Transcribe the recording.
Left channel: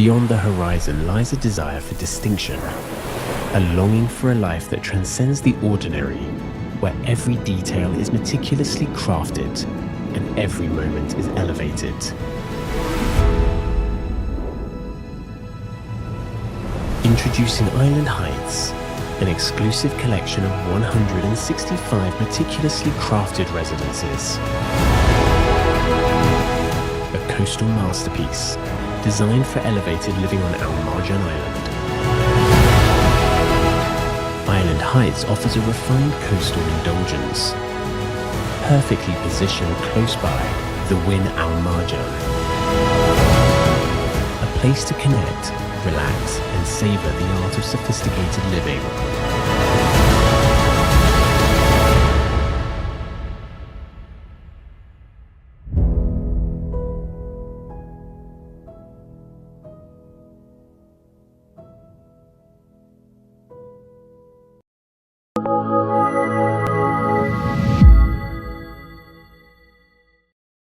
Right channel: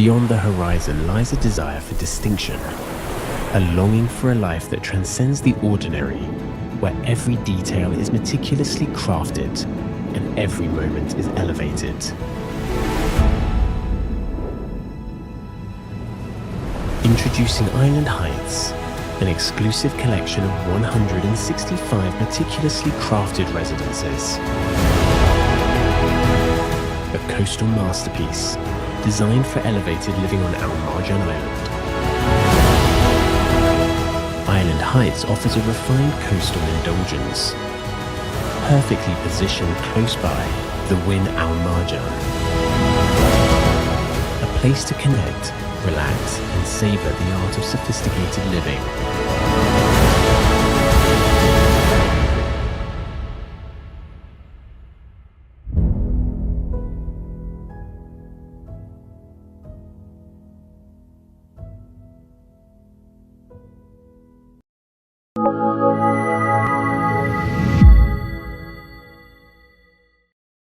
Beyond the horizon lies a desire for distinction, a longing for a life that transcends the ordinary, where every detail is meticulously crafted and every moment is elevated. Introducing Island Heights, an exclusive collection of 165 meticulously crafted residences. A coastal masterpiece designed for elevated living on Al Marjan Island. Island Heights offers a refined coastal indulgence, perfectly positioned close by the Wynn Al Marjan. A place to connect, relax, and savor the art of sophisticated living.